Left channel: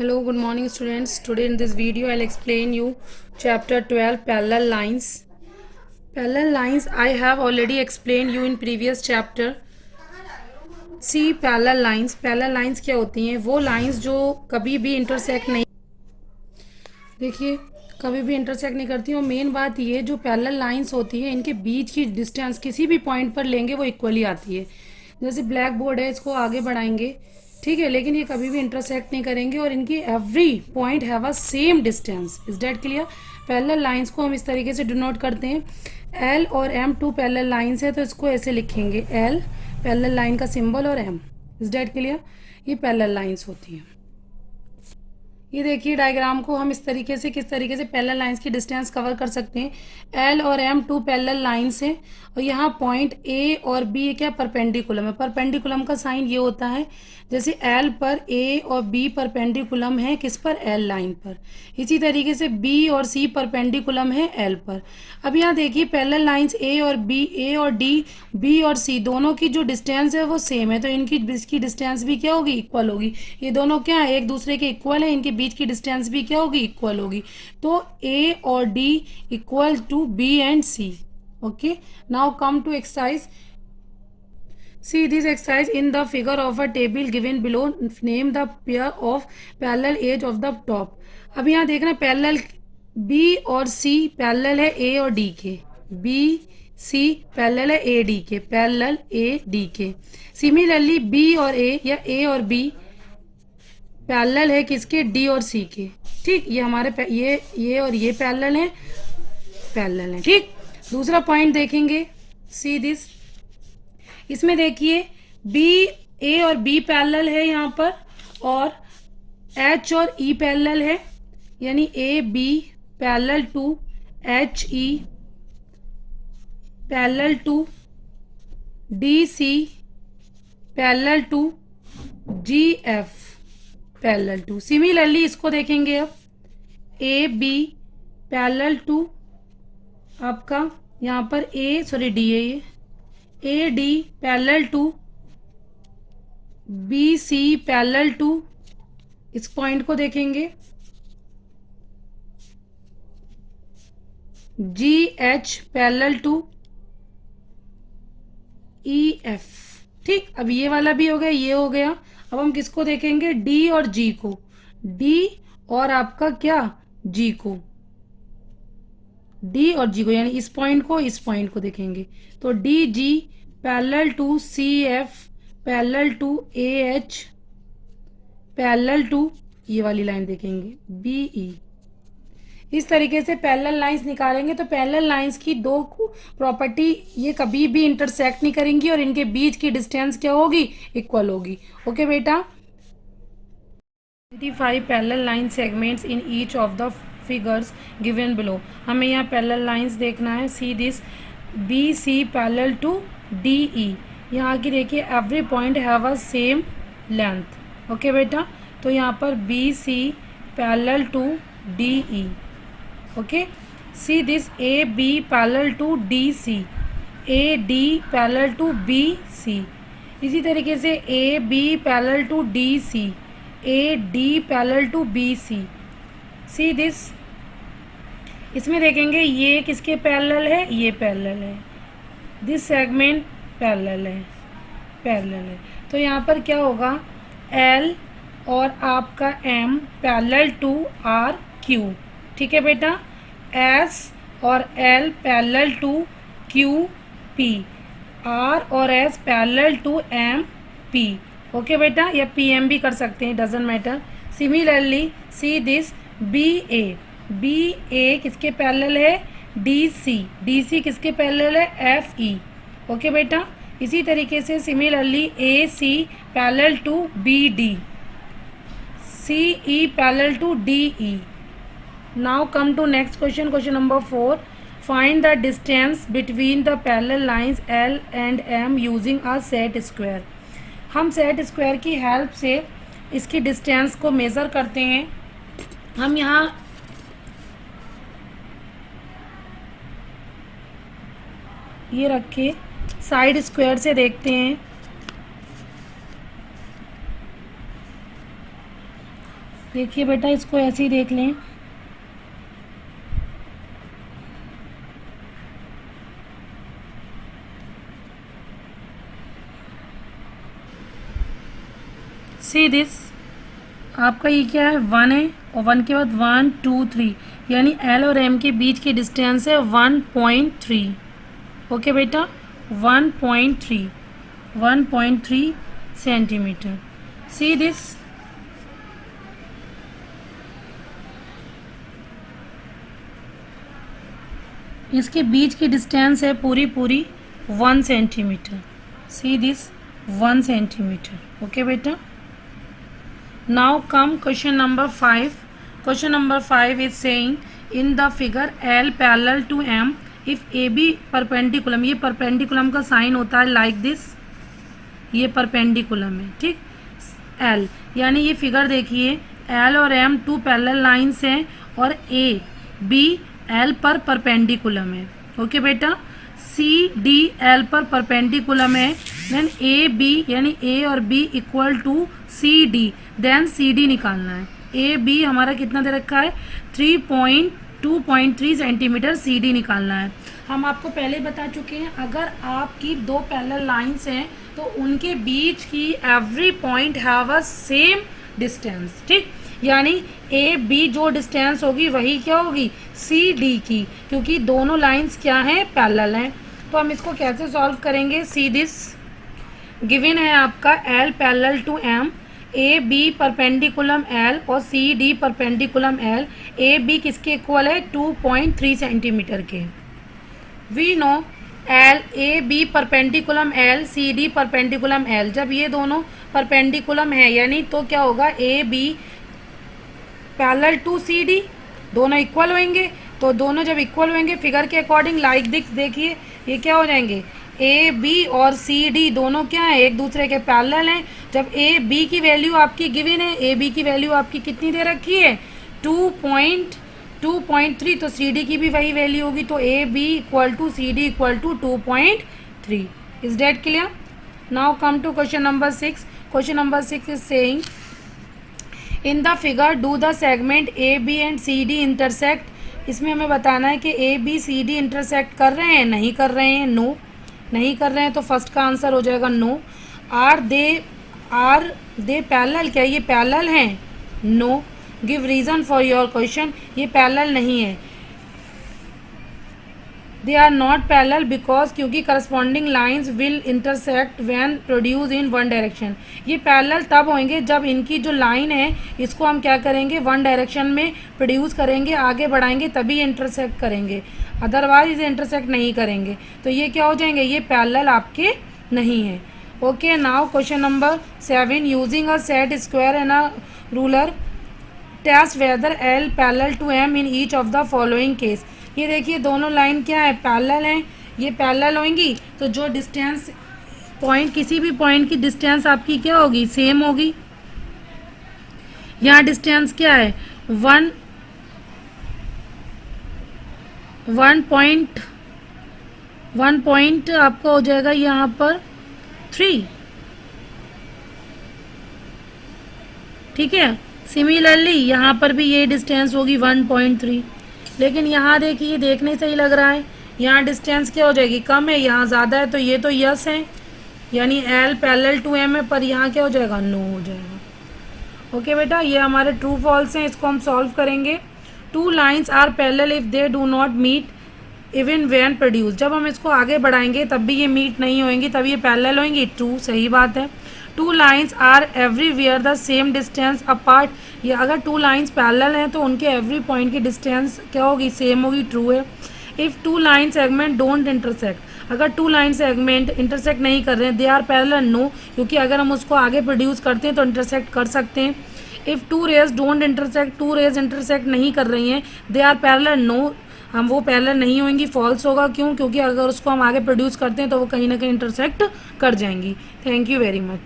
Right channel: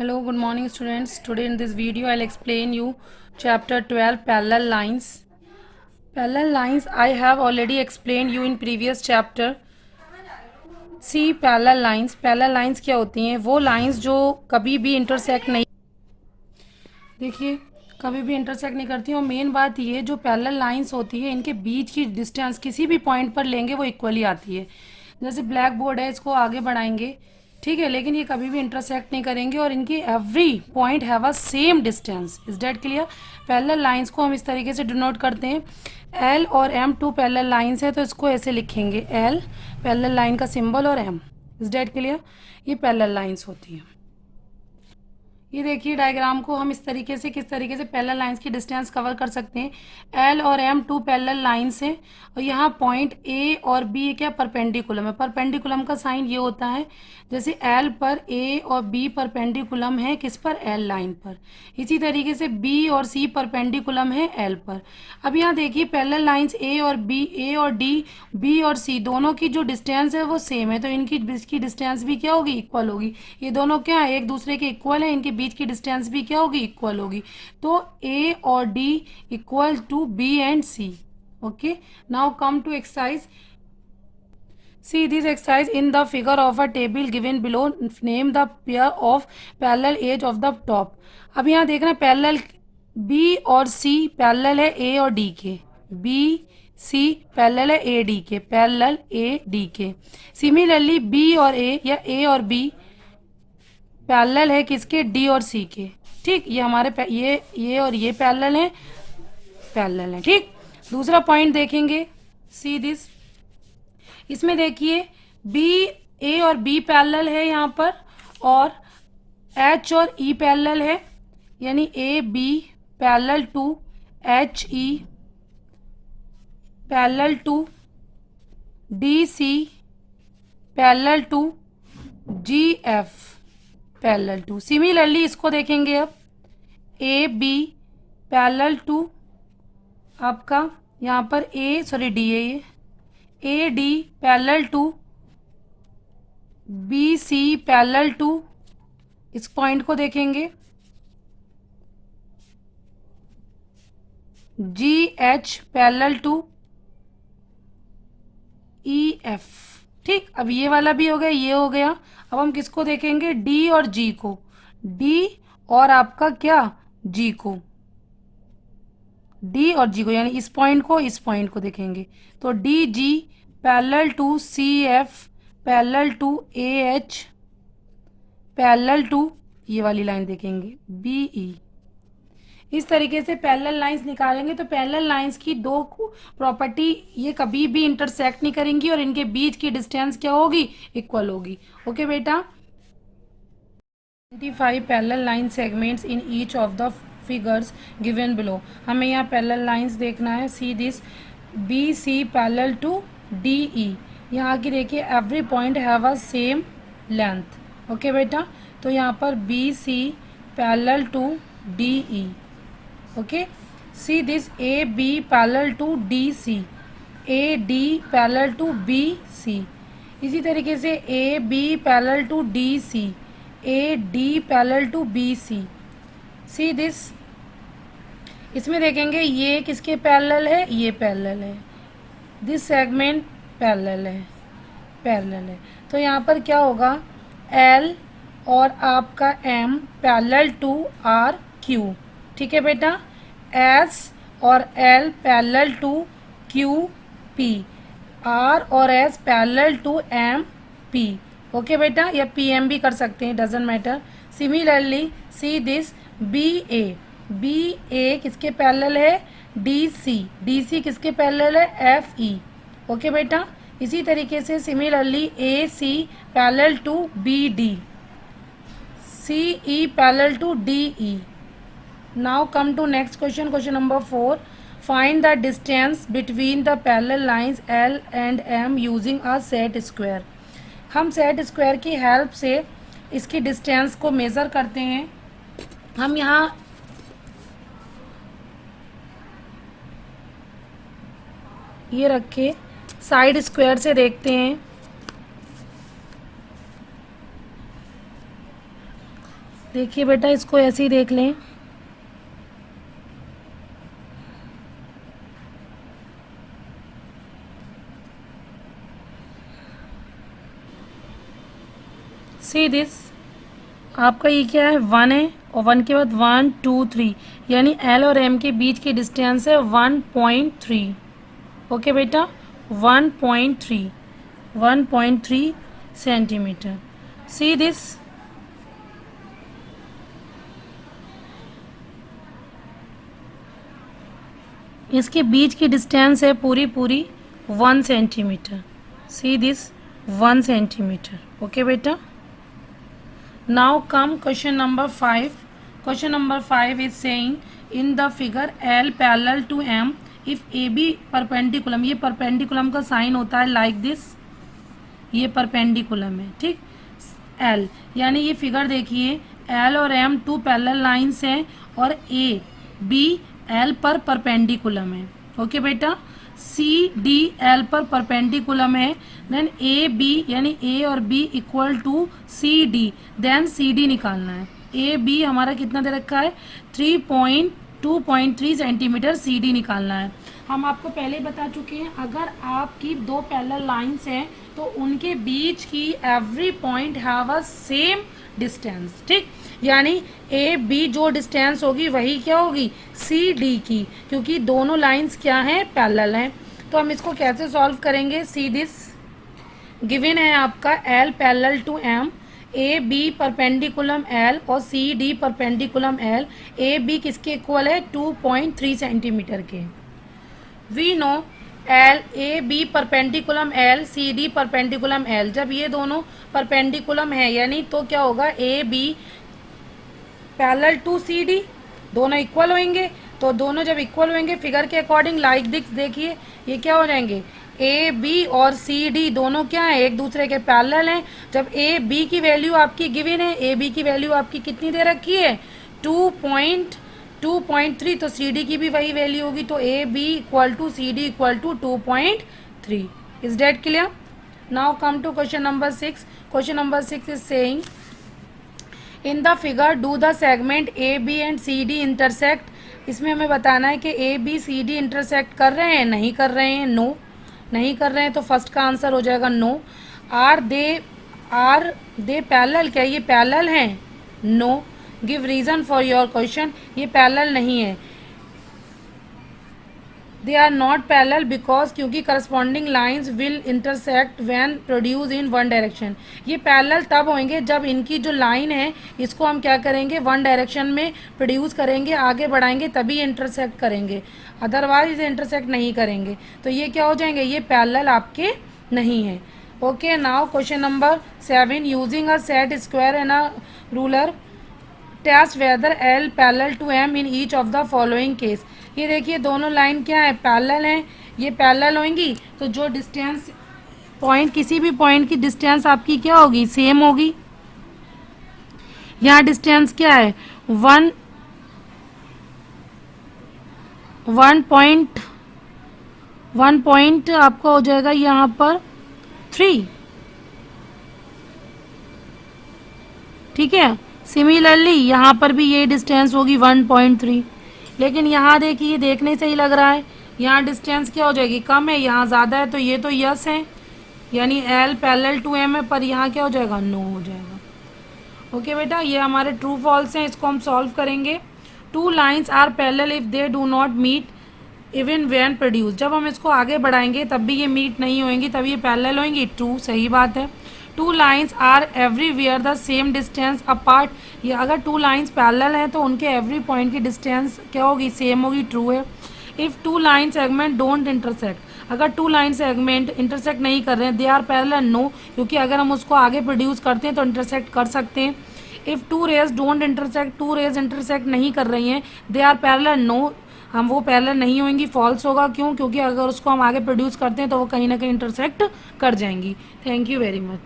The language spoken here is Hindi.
Hello, good morning students. Today in this video I'll explain you chapter 12 parallel lines. Parallel lines I have already explained you in previous chapter. See parallel lines. Parallel lines क्या होती हैं? वो lines जो कभी भी intersect नहीं, देखिए कभी भी इंटरसेक्ट नहीं करती। और मेन बात ये जो पैरेलल लाइंस होती है इनके बीच की डिस्टेंस किसी भी पॉइंट पर लेंगे वो इक्वली आती है। जैसे ब्लैक बोर्ड है, इसको आगे बढ़ाएंगे, ठीक है, लेकिन ये कभी भी इंटरसेक्ट नहीं करेंगे और इनकी every point have a same distance. Is that clear? Parallel lines को हम इस तरीके से डिनोट करते हैं। एल और एम टू पैरेलल लाइंस है तो इसको ऐसे लिखेंगे, एल पैरेलल लाइन का सिंबल और एम। Is that clear? ये पैरेलल लाइंस होती हैं। ये देखिए डायग्राम को हम इस तरीके से किस तरीके से पैरेलल लाइंस की डिस्टेंस कवर कर सकते हैं। एल और एम टू पैरेलल लाइंस हैं और यहाँ पॉइंट ए और बी क्या परपेंडिकुलम है। परपेंडिकुलम का साइन ये होता है जैसे एल पर ए और बी परपेंडिकुलम है किस पर, एल लाइन पर। इसी तरीके से बी और सी परपेंडिकुलम है एल पर। अब यहाँ देखिए पैरेलल लाइंस ए और बी, ए और डी, बी और सी दोनों की जो डिस्टेंस है वो सेम है तो इनकी बीच की डिस्टेंस भी क्या होगी, इक्वल होगी। ये दोनों क्या है, एक दूसरे के इक्वल है, इनके बीच की डिस्टेंस भी क्या होगी, इक्वल होगी। तो ए और D equal to B and C. Okay, now come to exercise. See this exercise in the figure of a table given below. Name the pair of parallel edge of the top. अब यहाँ देख रहे हैं पैरेलल B और C पैरेलल है A और D के, B C पैरेलल है A D के, पैरेलल A D के। सिमिलरली B और A या A और B पैरेलल है किसके, D और C के। ठीक, ये हमारे ये और ये पैरेलल है, पैरेलल है। ठीक, दूसरा पॉइंट देखेंगे, सी दिस। इसमें देखिए बी, ए और बी पैरेलल है यहाँ पर और एच और ई पैरेलल है, यानी A B parallel to H E, parallel to D C, parallel to G F, parallel to. Similarly इसको देखेंगे अब, ए बी पैरेलल टू आपका यहाँ पर डी है ये, A D parallel to B C parallel to, इस पॉइंट को देखेंगे, G H parallel to E F. ठीक, अब ये वाला भी हो गया, ये हो गया। अब हम किसको देखेंगे, डी और जी को, डी और आपका क्या, जी को, डी और जी को, यानी इस पॉइंट को देखेंगे तो D G parallel to C F parallel to A H parallel to, ये वाली लाइन देखेंगे बी ई। इस तरीके से पैरेलल लाइंस निकालेंगे तो पैरेलल लाइंस की दो प्रॉपर्टी, ये कभी भी इंटरसेक्ट नहीं करेंगी और इनके बीच की डिस्टेंस क्या होगी, इक्वल होगी। ओके बेटा, 25 parallel line segments in each of the figures given below. हमें यहाँ पैरेलल लाइंस देखना है। See this, B C parallel to D E. यहाँ की देखिए every point have a same length. Okay बेटा, तो यहाँ पर B C parallel to D E. Okay, see this, A B parallel to D C, A D parallel to B C. इसी तरीके से A B parallel to D C, A D parallel to B C. See this, इसमें देखेंगे ये किसके पैरेलल है, ये पैरेलल है, दिस सेगमेंट पैरेलल है, पैरेलल है। तो यहाँ पर क्या होगा, एल और आपका M parallel to R Q. ठीक है बेटा, एस और L parallel to Q P, R और S parallel to M P. Okay बेटा, या पी एम भी कर सकते हैं, doesn't matter. Similarly see this, B ए किसके पैरेलल है, डी सी किसके पैरेलल है, एफ ई। ओके बेटा, इसी तरीके से similarly A C parallel to B D, C E parallel to D E. Now come to next question, question number 4। Find the distance between the parallel lines L and M using a set square. हम सेट स्क्वायर की हेल्प से इसकी डिस्टेंस को मेज़र करते हैं। हम यहाँ ये रखे, साइड स्क्वायर से देखते हैं। देखिए बेटा, इसको ऐसे ही देख लें। सी दिस, आपका ये क्या है, 1 है, और 1 के बाद 1 2 3, यानी एल और एम के बीच की डिस्टेंस है 1.3। ओके बेटा, 1.3, 1.3 सेंटीमीटर। सी दिस, इसके बीच की डिस्टेंस है पूरी पूरी 1 centimetre. See this, 1 centimetre. Okay बेटा, now come question number 5। Question number 5 is saying in the figure L parallel to M if A B perpendicular, ये परपेंडिकुलम का साइन होता है लाइक दिस, ये परपेंडिकुलम है, ठीक। एल यानी ये फिगर देखिए, एल और एम टू पैरेलल लाइंस हैं और ए बी एल पर परपेंडिकुलम है। ओके बेटा, सी डी एल पर परपेंडिकुलम है, देन ए बी यानी ए और B equal to C D, then C D निकालना है। ए बी हमारा कितना दे रखा है, 2.3 सेंटीमीटर, सी डी निकालना है। हम आपको पहले बता चुके हैं, अगर आपकी दो पैरेलल लाइंस हैं तो उनके बीच की every point have a same distance, ठीक। यानी ए बी जो डिस्टेंस होगी वही क्या होगी, सी डी की, क्योंकि दोनों लाइंस क्या हैं, पैरेलल हैं। तो हम इसको कैसे सॉल्व करेंगे, सी दिस, गिवन है आपका L parallel to M, A B perpendicular L और C D perpendicular L. A B किसके इक्वल है, 2.3 सेंटीमीटर के। We know L A B perpendicular L, C D perpendicular L. जब ये दोनों परपेंडिकुलम है यानी तो क्या होगा, A B parallel to C D, दोनों इक्वल होंगे। तो दोनों जब इक्वल होंगे फिगर के अकॉर्डिंग लाइक दिस, देखिए ये क्या हो जाएंगे, ए बी और सी डी दोनों क्या है, एक दूसरे के पैरेलल हैं। जब ए बी की वैल्यू आपकी गिवन है, ए बी की वैल्यू आपकी कितनी दे रखी है, 2.3, तो सी डी की भी वही वैल्यू होगी, तो A B equal to C D equal to 2.3। Is that clear? Now come to question number 6। Question number 6 is saying in the figure do the segment A B and C D intersect. इसमें हमें बताना है कि A B C D intersect कर रहे हैं, नहीं कर रहे हैं, नो नहीं कर रहे हैं, तो फर्स्ट का आंसर हो जाएगा नो। आर दे पैरेलल, क्या ये पैरेलल हैं, no. Give reason for your question, ये पैरेलल नहीं है। They are not parallel because, क्योंकि corresponding lines will intersect when produce in one direction. ये पैरेलल तब होंगे जब इनकी जो लाइन है इसको हम क्या करेंगे, वन डायरेक्शन में प्रोड्यूस करेंगे, आगे बढ़ाएंगे तभी इंटरसेक्ट करेंगे, अदरवाइज इसे इंटरसेक्ट नहीं करेंगे। तो ये क्या हो जाएंगे, ये पैरेलल आपके नहीं है। Okay, now question number 7, using a set square and a ruler test whether L parallel to M in each of the following case. ये देखिए दोनों लाइन क्या है, पैरेलल हैं, ये पैरेलल होंगी तो जो डिस्टेंस पॉइंट, किसी भी पॉइंट की डिस्टेंस आपकी क्या होगी, सेम होगी। यहाँ डिस्टेंस क्या है, 1 पॉइंट आपका हो जाएगा यहाँ पर 3, ठीक है। सिमिलरली यहाँ पर भी ये डिस्टेंस होगी 1.3, लेकिन यहाँ देखिए देखने से ही लग रहा है यहाँ डिस्टेंस क्या हो जाएगी, कम है, यहाँ ज़्यादा है, तो ये तो यस है, यानी एल पैरेलल टू एम है, पर यहाँ क्या हो जाएगा, नो हो जाएगा। ओके बेटा, ये हमारे ट्रू फॉल्स हैं, इसको हम सॉल्व करेंगे। Two lines are parallel if they do not meet even when produce. जब हम इसको आगे बढ़ाएंगे तब भी ये मीट नहीं होंगी, तब ये पैरेलल होंगी, ट्रू, सही बात है। Two lines are everywhere the same distance apart, ये अगर टू लाइन्स पैरेलल हैं तो उनके एवरी पॉइंट की डिस्टेंस क्या होगी, सेम होगी, ट्रू है। If two line segment don't intersect, अगर टू लाइन सेगमेंट इंटरसेक्ट नहीं कर रहे हैं, दे आर पैरेलल, नो, क्योंकि अगर हम उसको आगे प्रोड्यूस करते हैं तो इंटरसेक्ट कर सकते हैं। If two rays don't intersect, two rays intersect नहीं कर रही हैं, दे आर पैरेलल, नो, हम वो पैरेलल नहीं होंगी, फॉल्स होगा, क्यों, क्योंकि अगर उसको हम आगे प्रोड्यूस करते हैं तो वो कहीं ना कहीं इंटरसेक्ट कर जाएंगी। Thank you very much.